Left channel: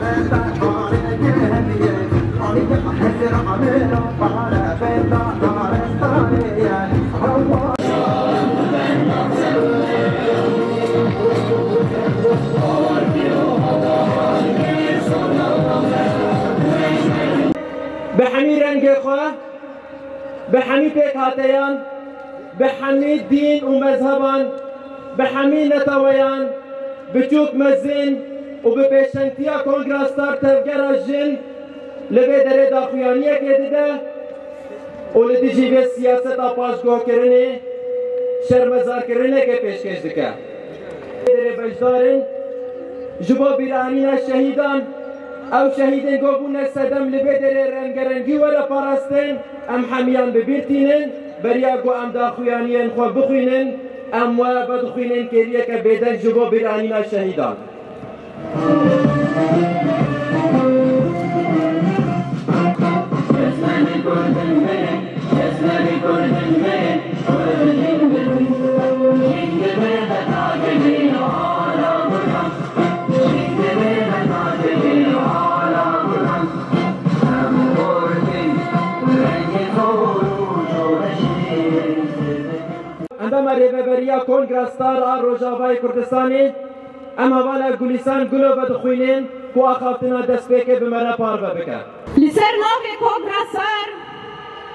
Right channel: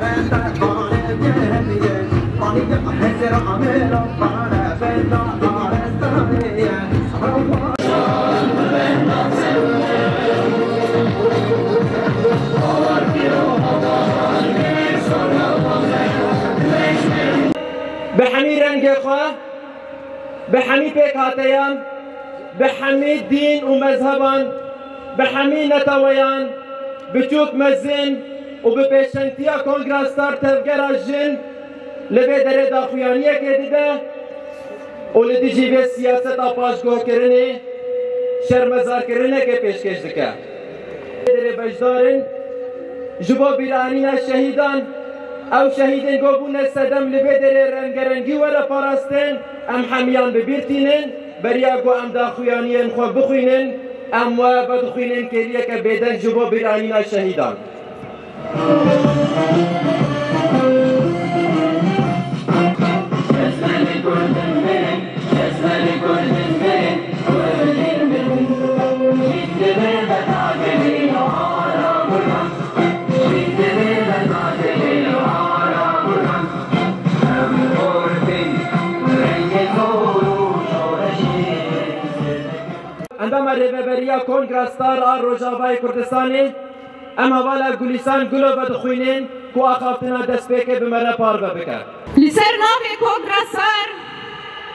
به همین رنگ خواه، به همین پیکاتیان، به همین دین و مذهبان، به همین نتویان، به چوک مزین و به پیشنتیا کنگراستار تفگر جن لبه دره داخویانیه که دیده و لدیجی به سیاست پاشگاه کرنه شرمزار کرنه که پیشکش دکه دره بجدارن جبا بیرانین شهیدان او شهیدین گوبون سدم لبه دره رنگرنگی وره پاراستن ام حمیان ببیرتینن بریا گو ام داخویانین خو بخوینن ام و بدخوینن کریه که بیدن جبا بیرانین شهیدان عندما رهبریا کنگراستار آر روجاوای کردستانی ام حوالا گلیسان گلو بدخوینین کو آخافتنا دست پیکه بمره پار بکر لسر نام کنگراستار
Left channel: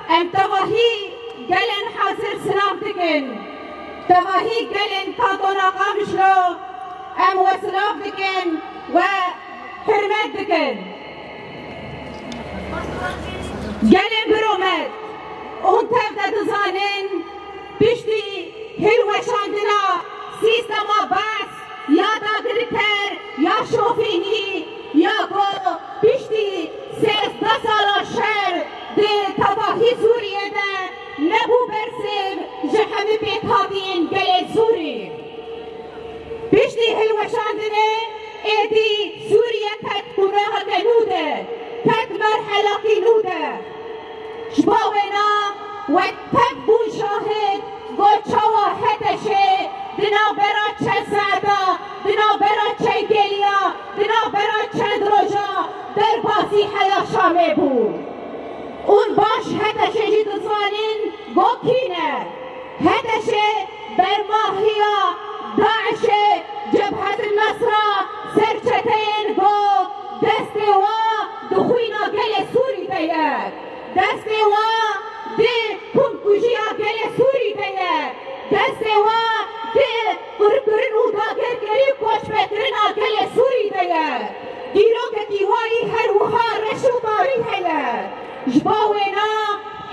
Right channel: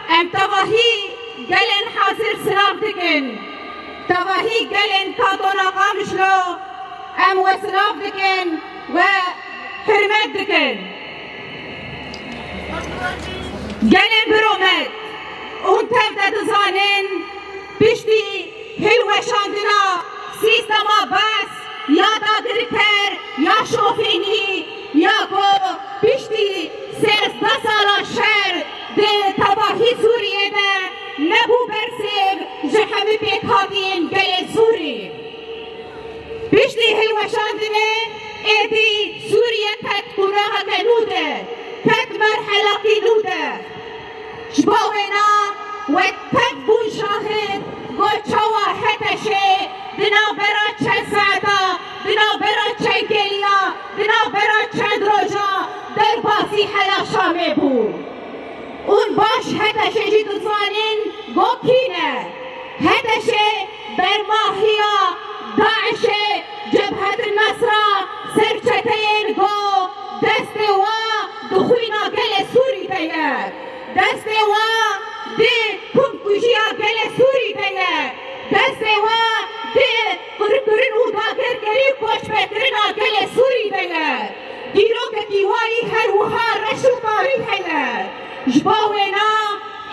ام تواهی گلن حاضر سلاف دکن تواهی گلن کاتونا قامشلو ام و سلاف دکن و حرمت دکن گلن برومد اون تفت دزانن پشتی هلوشاندنا سیستما بس یا داگرتر یا شوفینی یا کو پشتی 13 سالا شهر ده تباهی سوریه ده نبو برسیم جهمی پیکاتین گل سوری پشتی هلوشاندنه ایدی سوریه پت گناه کنوده پت مرحله کنوده شباوینا و تبون شاهد گوچوا هتشه بنابرا چند ساعتا بنابرا چند گلیا بنابرا چند روژا در بازی حلا شامه بود اون باش هتشه جی دزانین گو کینه هتشه برماهیا داعش جبهت النصرة سرچتین گو دست و دخوینا گل سوری دیگر دست و ده کنکوشیا گل سوری دیگر دست و ده قرقرین و داگر گری کوش بکرین گل سوری دیگر گیرو که دیواری هر وها رشو تاری دیگر جباوینا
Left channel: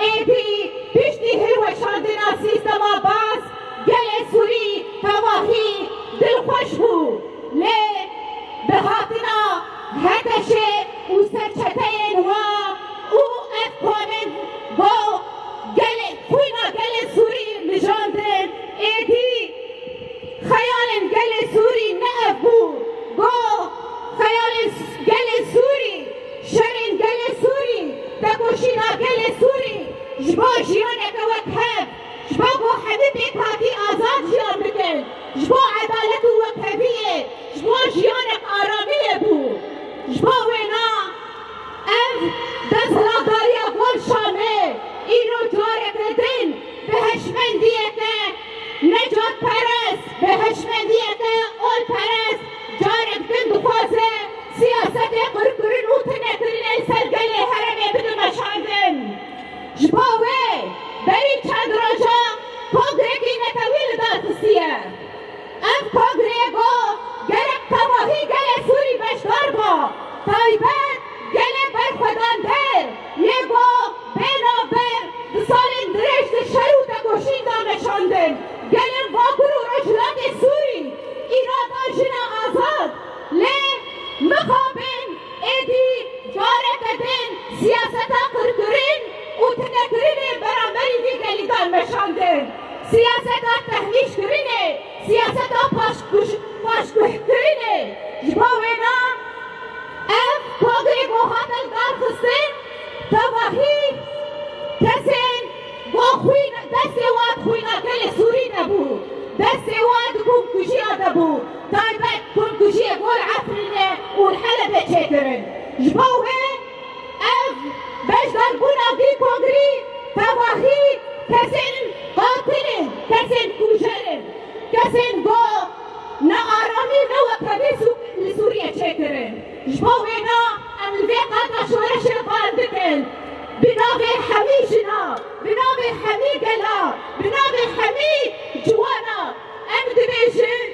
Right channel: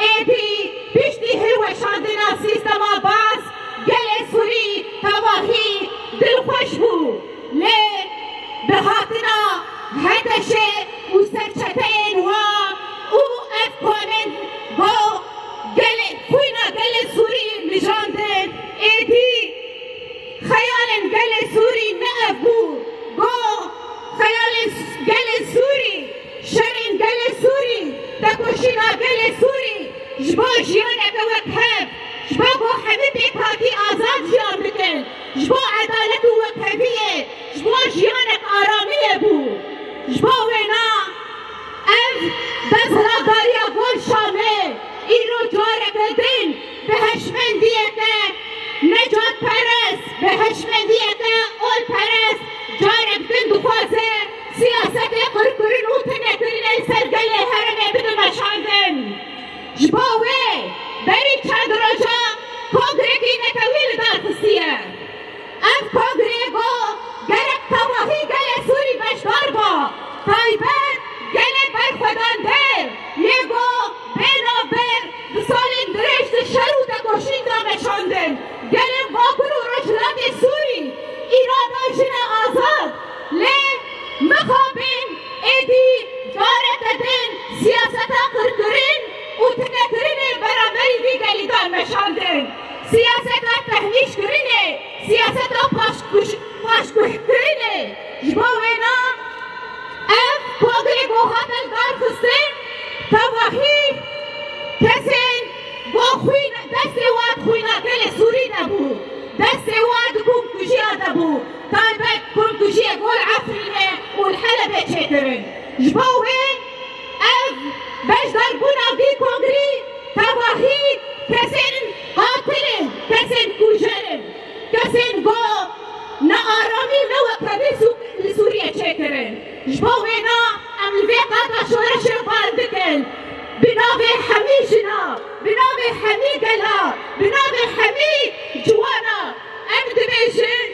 ایدی پشتی هر وشاندنا سیستما باز گل سوری تواهی دل خوش بود لی بهاتنا هتشه و سرچتین و او افکامن گو گل خوینا گل سوری نجاندن ایدی خیالن گل سوری نه بود گو خیال گل سوری شرین گل سوری دکوشینا گل سوری جبا جیانک وکهب جبا گو حبیب پیکاتی آزاد جیان بکن جبا عدالت وکهبیه جبا جیانک آرامیه بود جبا وینا اف دزراداریا گل شامه ایرو جارک دین به هشمندیه که نجات پرست به هشمندیه که اول پرست جارک دین دخوازه سیاست قرقرین و تنکرین سرگل هرمه بده مشاندن جباوه بری چند روژا کنگرگی نتویل دارتسیه اف کنگرگو گرک تواهی گل سوری بشدار با تایبت گل برخودان در یگو بینابر دسالین درشت شروط گوشین دامشاندن گل واکر و رجلات سوری ایران داشتن آزاد لی مخابین ایدی جارت دن سیاست قرقرین و تنکرین برابری وی گلیدان مشاندن سیاست تهمیش کرینه سیاست پاشکوه کرینه جباوینا اف پاگری گوهاتن دار خستن تواهی کسین دست واد خوینا گل سوری نبود دست واد کنکوشی نبود تایبت کنکوشی گل عفرینه والحلبة تشترن جبوه اف باش ضربونا في كونغري تواهي كسن قاتلين كسن كوجرن كسن قو نارامي نوكبه لسوريا تشترن جبوهنا ام الفيقات شورش الباردكن بنابي حميشنا بنابي حمي قلا بنابي حمي جوانا ام دبيشن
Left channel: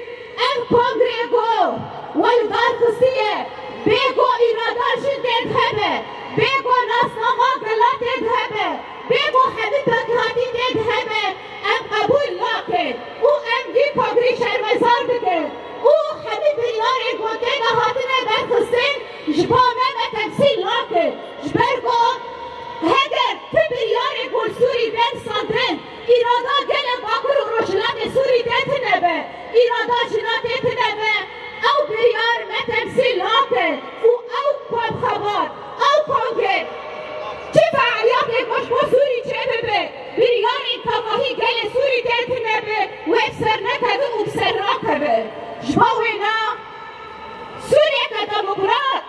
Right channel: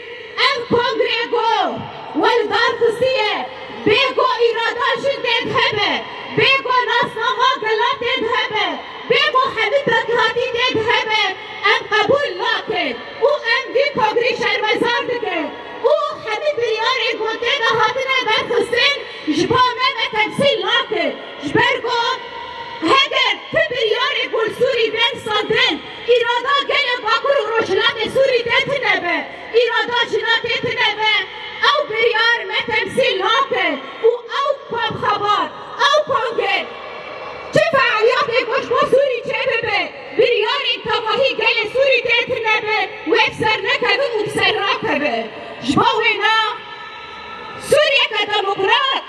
ام كونغريغو والدارفسية بيقو إراداشن تذهبه بيقو ناسنما قلا تذهبه بيقو حبيبك هاتي تذهبه ام قبول لكن و ام في كونغري شرمزار دكن و حبيب رياري قوتنا هاتنا برخصين جبامه بتمثيل لكن جبرقو هگر تبریار گل سوری دن ساندن ایرادا گل باکور و روشلات سوری دن نبه ایرادا جنات نبه او بریار متمثیل ناکن و او کام خبر او کانگل چه فعالیات گوش با سوری چه ببه بریار تواهی گل سوری دن نبه و افسر نکبه و افسر راکبه جباوینا سوریه که دموکرات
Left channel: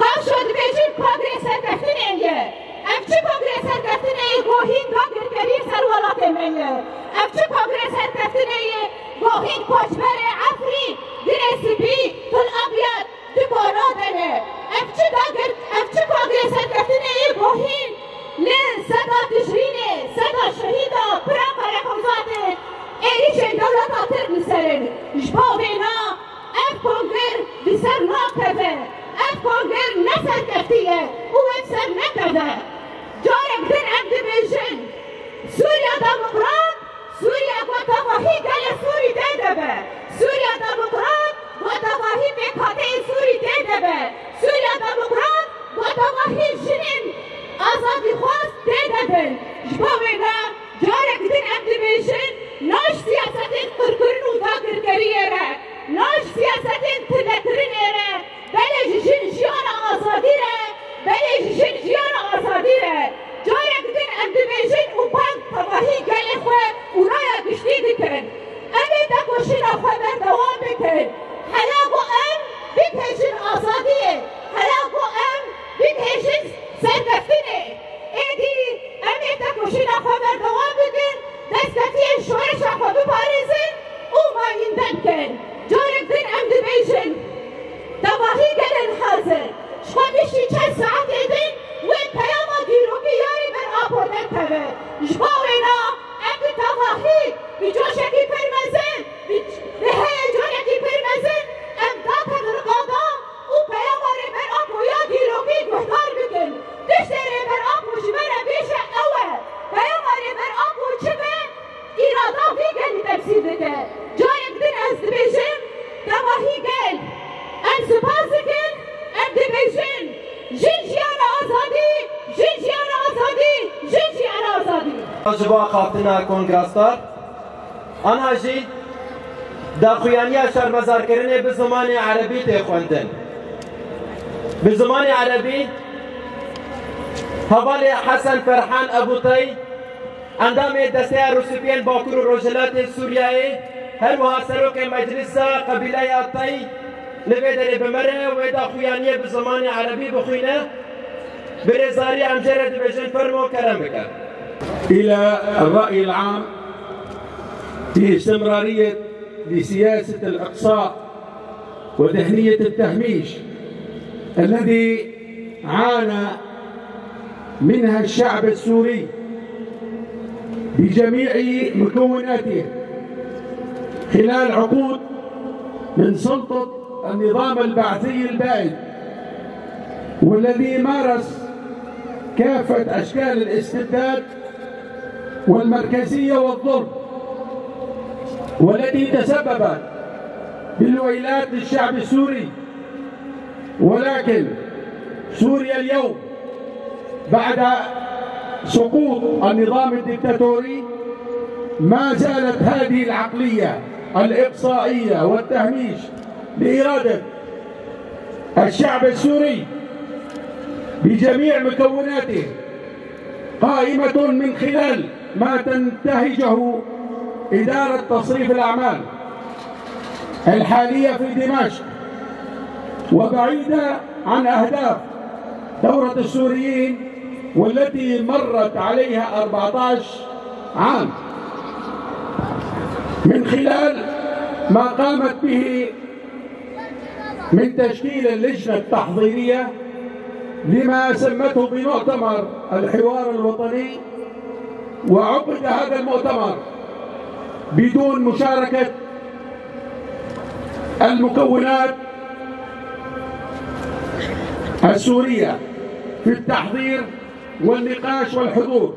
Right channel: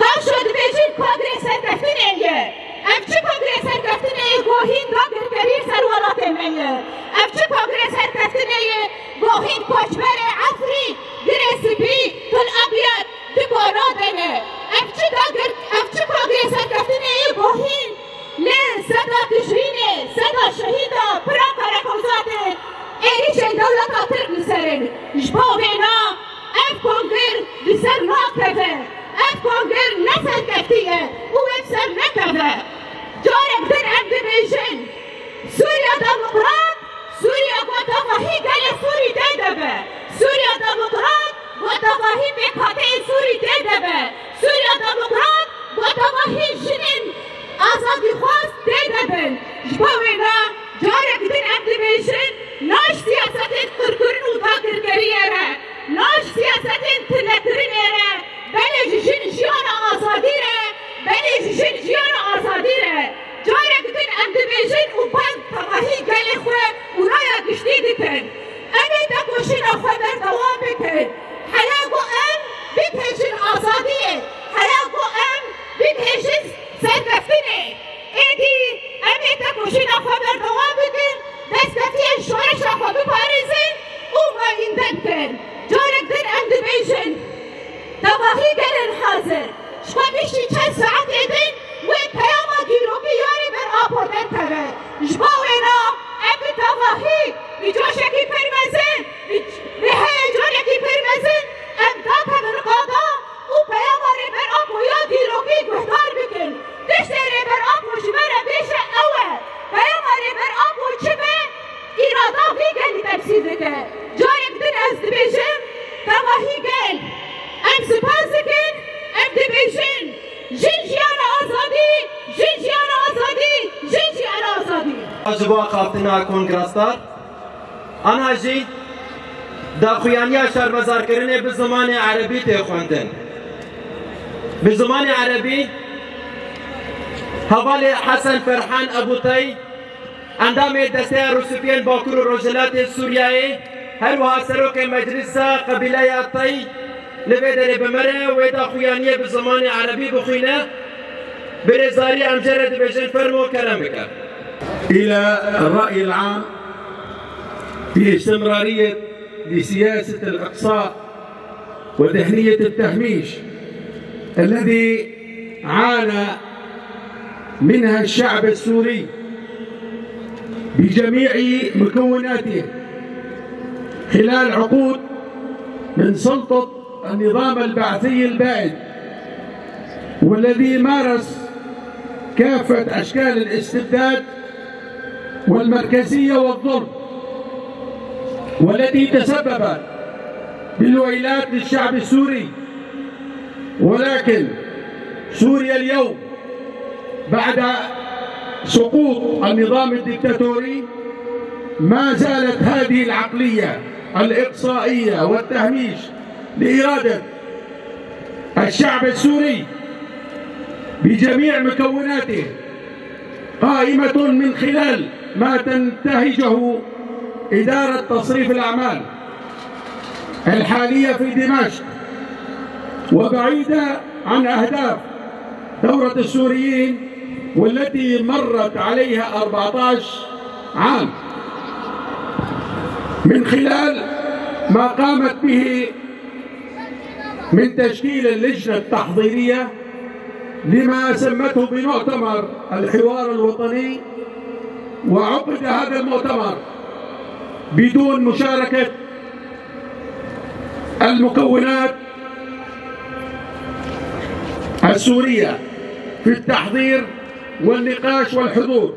قاشد بيجين كونغرس الكفتنية أمشي كونغرس الكفتنية قوهين قاقر كرير سروالات المية أمشي كونغرس الكفتنية قوهين كوشبر عفري درس بي كل أبيض دقونا دنه أمشي كونغرس الكفتنية قوهين لين سدا تشريني سدا شهيدا براقر خوزاته إيش الدولة قاطر بسرن جبوهنا أف كونغر بسر ناكفه اف كونغر نسل كفتيه وافسر نكبه جارك در عبد بيجن سوريا ديمقراط سوريا وتفاهي قال سوري تدبه سوريا ديمقراط وتفاهي بكاتي سوري تدبه سوريا ديمقراط وتفاهي جنين آزادي خواست تدبن جبوينا جارك در عبد بيجن ناش سياستين كركرن وطاقر كريره ناش سياستين تنكرنيره بله جن آزادیره بله جن آزادیره جارك دين عبد بيجن وبان تواهي قال خواه ورايا قشتي دكن أمي تكوشين أخوة بردوام بكن حلاقو أم بتهجن آزادية حلاقو أم بتهجن سرقفتني إيدي أمي تكوشين أخوة بردوام بكن دستتي الشورش أخوة ببارزن وما يندبكن جارك دين عبد بيجن تواهی گلن حاضر شما بیشتی چند ساعت ایدین و پیاما گیروکی یاری بر آپردن کبه شما وینا اگه تواهی بیجوشکی پرمزن نهی جونکی پرمزن امداد من قادا و پیاما ری بر آپویا گیروکی گوهدار بکن دشتی ری بر آپو جبر بیش اوه پیاما ری بر آپو چبه ایرادا وی گلی تبسید که جارک دن از دبیجم تواهی گل ام سپاسکن ام دبیشن جنجیان آزادی جنجیان آزادی جنجیان آزادی جبا خافتنا کنگرستار آنها جی دا خویانیا شرمزار کرنه به زمان عربی تخوندن به زمان عربی حوالی حسن فرحان ابوطی اندام دسته روسپین باکور روجلات سوریایی هر وها سروک مجلس قبیله اطی نبدأ بمرة ويدا خويانية بزمان عربي بخوينا برزاري أمجرد بجن فرمو كرامك إلى الرأي العام في استمرارية لسياسة الإقصاء ودهنية التهميش الذي عانى منها الشعب السوري بجميع مكوناته خلال عقود من سلطة النظام البعثي البائد والذي مارس كافة أشكال الاستبداد والمركزية والظلم والتي تسبب بالويلات للشعب السوري. ولكن سوريا اليوم بعد سقوط النظام الدكتاتوري ما زالت هذه العقلية الإقصائية والتهميش لإرادة الشعب السوري بجميع مكوناته قائمة من خلال ما تنتهجه إدارة تصريف الأعمال الحالية في دمشق وبعيدة عن أهداف ثورة السوريين والتي مرت عليها 14 عام من خلال ما قامت به من تشكيل اللجنة التحضيرية لما سمته بمؤتمر الحوار الوطني. وعقد هذا المؤتمر بدون مشاركة المكونات السورية في التحضير والنقاش والحضور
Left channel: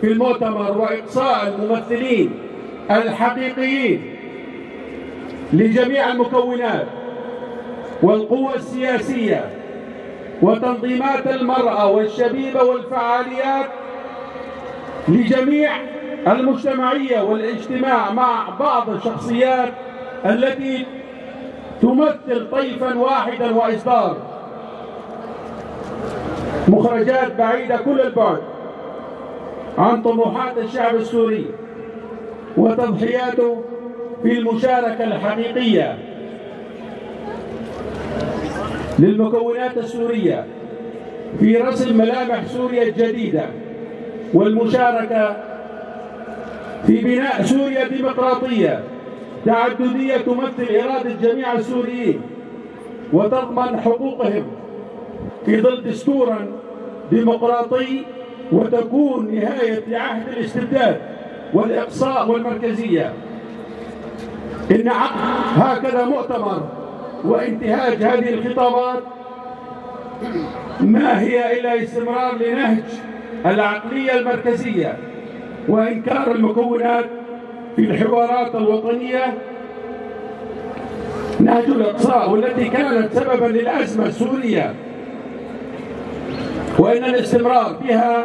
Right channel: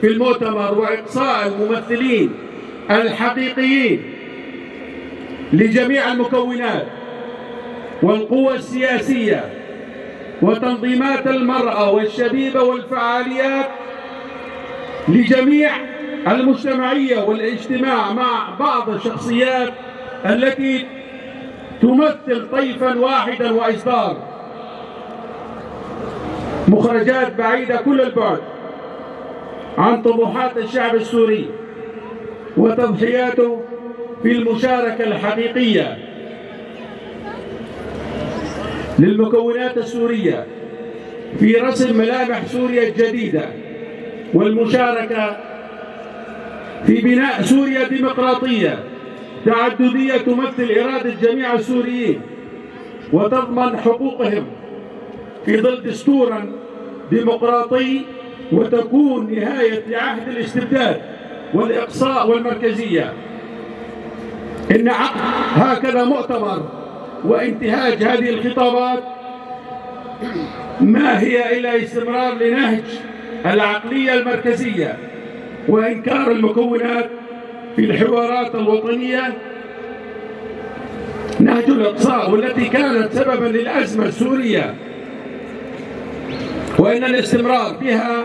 في المؤتمر، وإقصاء الممثلين الحقيقيين لجميع المكونات والقوى السياسية وتنظيمات المرأة والشبيبة والفعاليات لجميع المجتمعية والاجتماع مع بعض الشخصيات التي تمثل طيفا واحدا وإصدار مخرجات بعيدة كل البعد عن طموحات الشعب السوري وتضحياته في المشاركة الحقيقية للمكونات السورية في رسم ملامح سوريا الجديدة والمشاركة في بناء سوريا ديمقراطية تعددية تمثل إرادة جميع السوريين وتضمن حقوقهم في ظل دستور ديمقراطي، وتكون نهاية لعهد الاستبداد والإقصاء والمركزية. إن عقد هكذا مؤتمر وانتهاج هذه الخطابات ما هي إلا استمرار لنهج العقلية المركزية وإنكار المكونات في الحوارات الوطنية، نهج الإقصاء والتي كانت سببا للأزمة السورية، وإن الاستمرار بها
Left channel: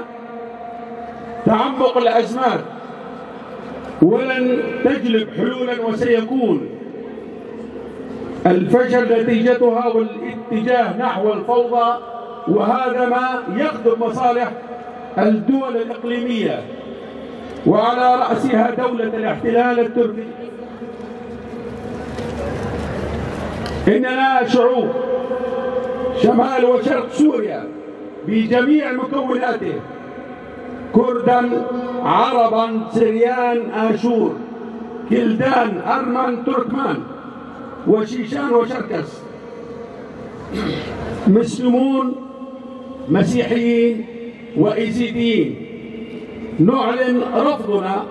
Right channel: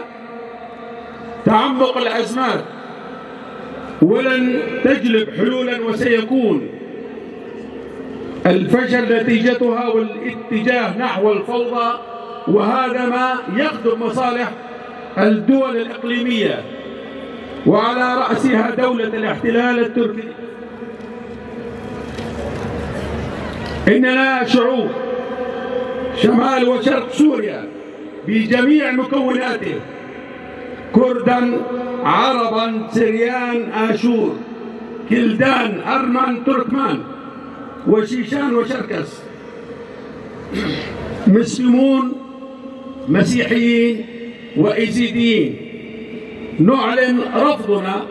تعمق الأزمات ولن تجلب حلولا، وسيكون الفشل نتيجتها والاتجاه نحو الفوضى، وهذا ما يخدم مصالح الدول الإقليمية وعلى رأسها دولة الاحتلال التركي. إننا شعوب شمال وشرق سوريا بجميع مكوناته، كردا، عربا، سريان، آشور، كلدان، أرمن، تركمان، وشيشان وشركس، مسلمون، مسيحيين، وإيزيديين، نعلن رفضنا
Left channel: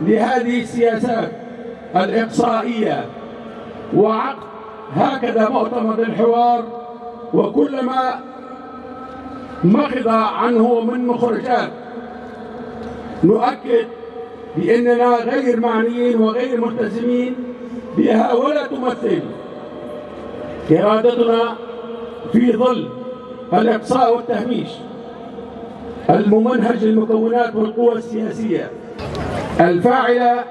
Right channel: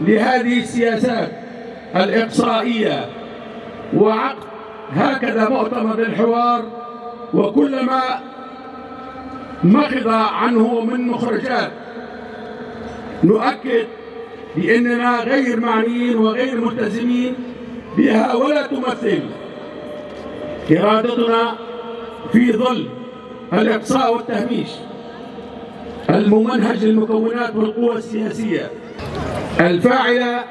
لهذه السياسات الإقصائية وعقد هكذا مؤتمر الحوار وكل ما مخض عنه من مخرجات. نؤكد بأننا غير معنيين وغير ملتزمين بها ولا تمثل إرادتنا في ظل الإقصاء والتهميش الممنهج للمكونات والقوى السياسية الفاعلة.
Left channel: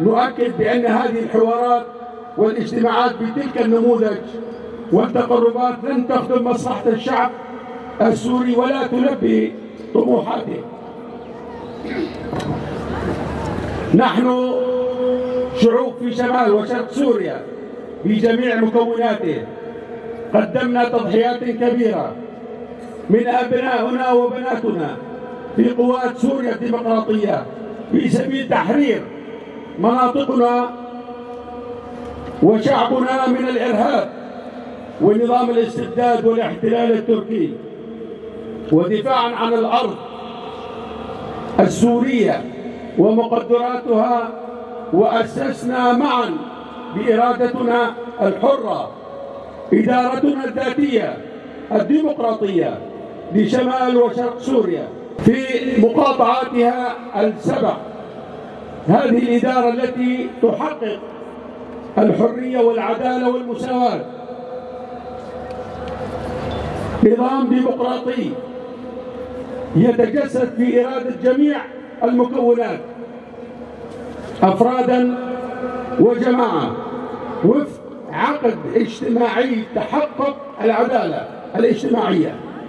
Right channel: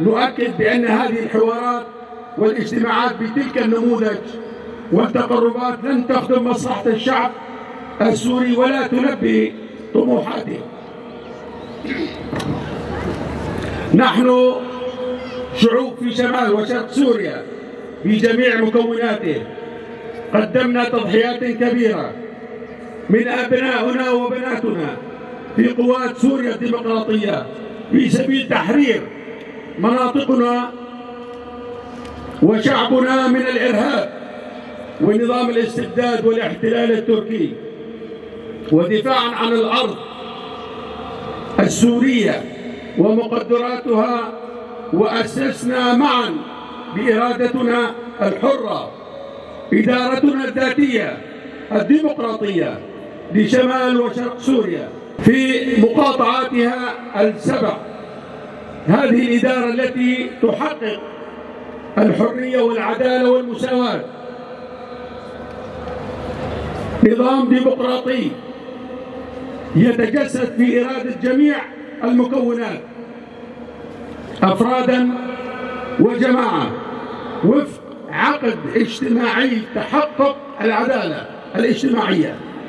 نؤكد بأن هذه الحوارات والاجتماعات بتلك النموذج والتقربات لن تخدم مصلحة الشعب السوري ولا تلبي طموحاته. نحن شعوب في شمال وشرق سوريا بجميع مكوناته قدمنا تضحيات كبيرة من أبنائنا وبناتنا في قوات سوريا الديمقراطية في سبيل تحرير مناطقنا وشعبنا من الإرهاب ونظام الاستبداد والاحتلال التركي، ودفاعا عن الأرض السورية ومقدراتها، وأسسنا معا بإرادتنا الحرة إدارتنا الذاتية الديمقراطية لشمال وشرق سوريا في مقاطعاتها السبع. هذه الإدارة التي تحقق الحرية والعدالة والمساواة، نظام ديمقراطي يتجسد في إرادة جميع المكونات أفرادا وجماعة وفق عقد اجتماعي تحقق العدالة الاجتماعية.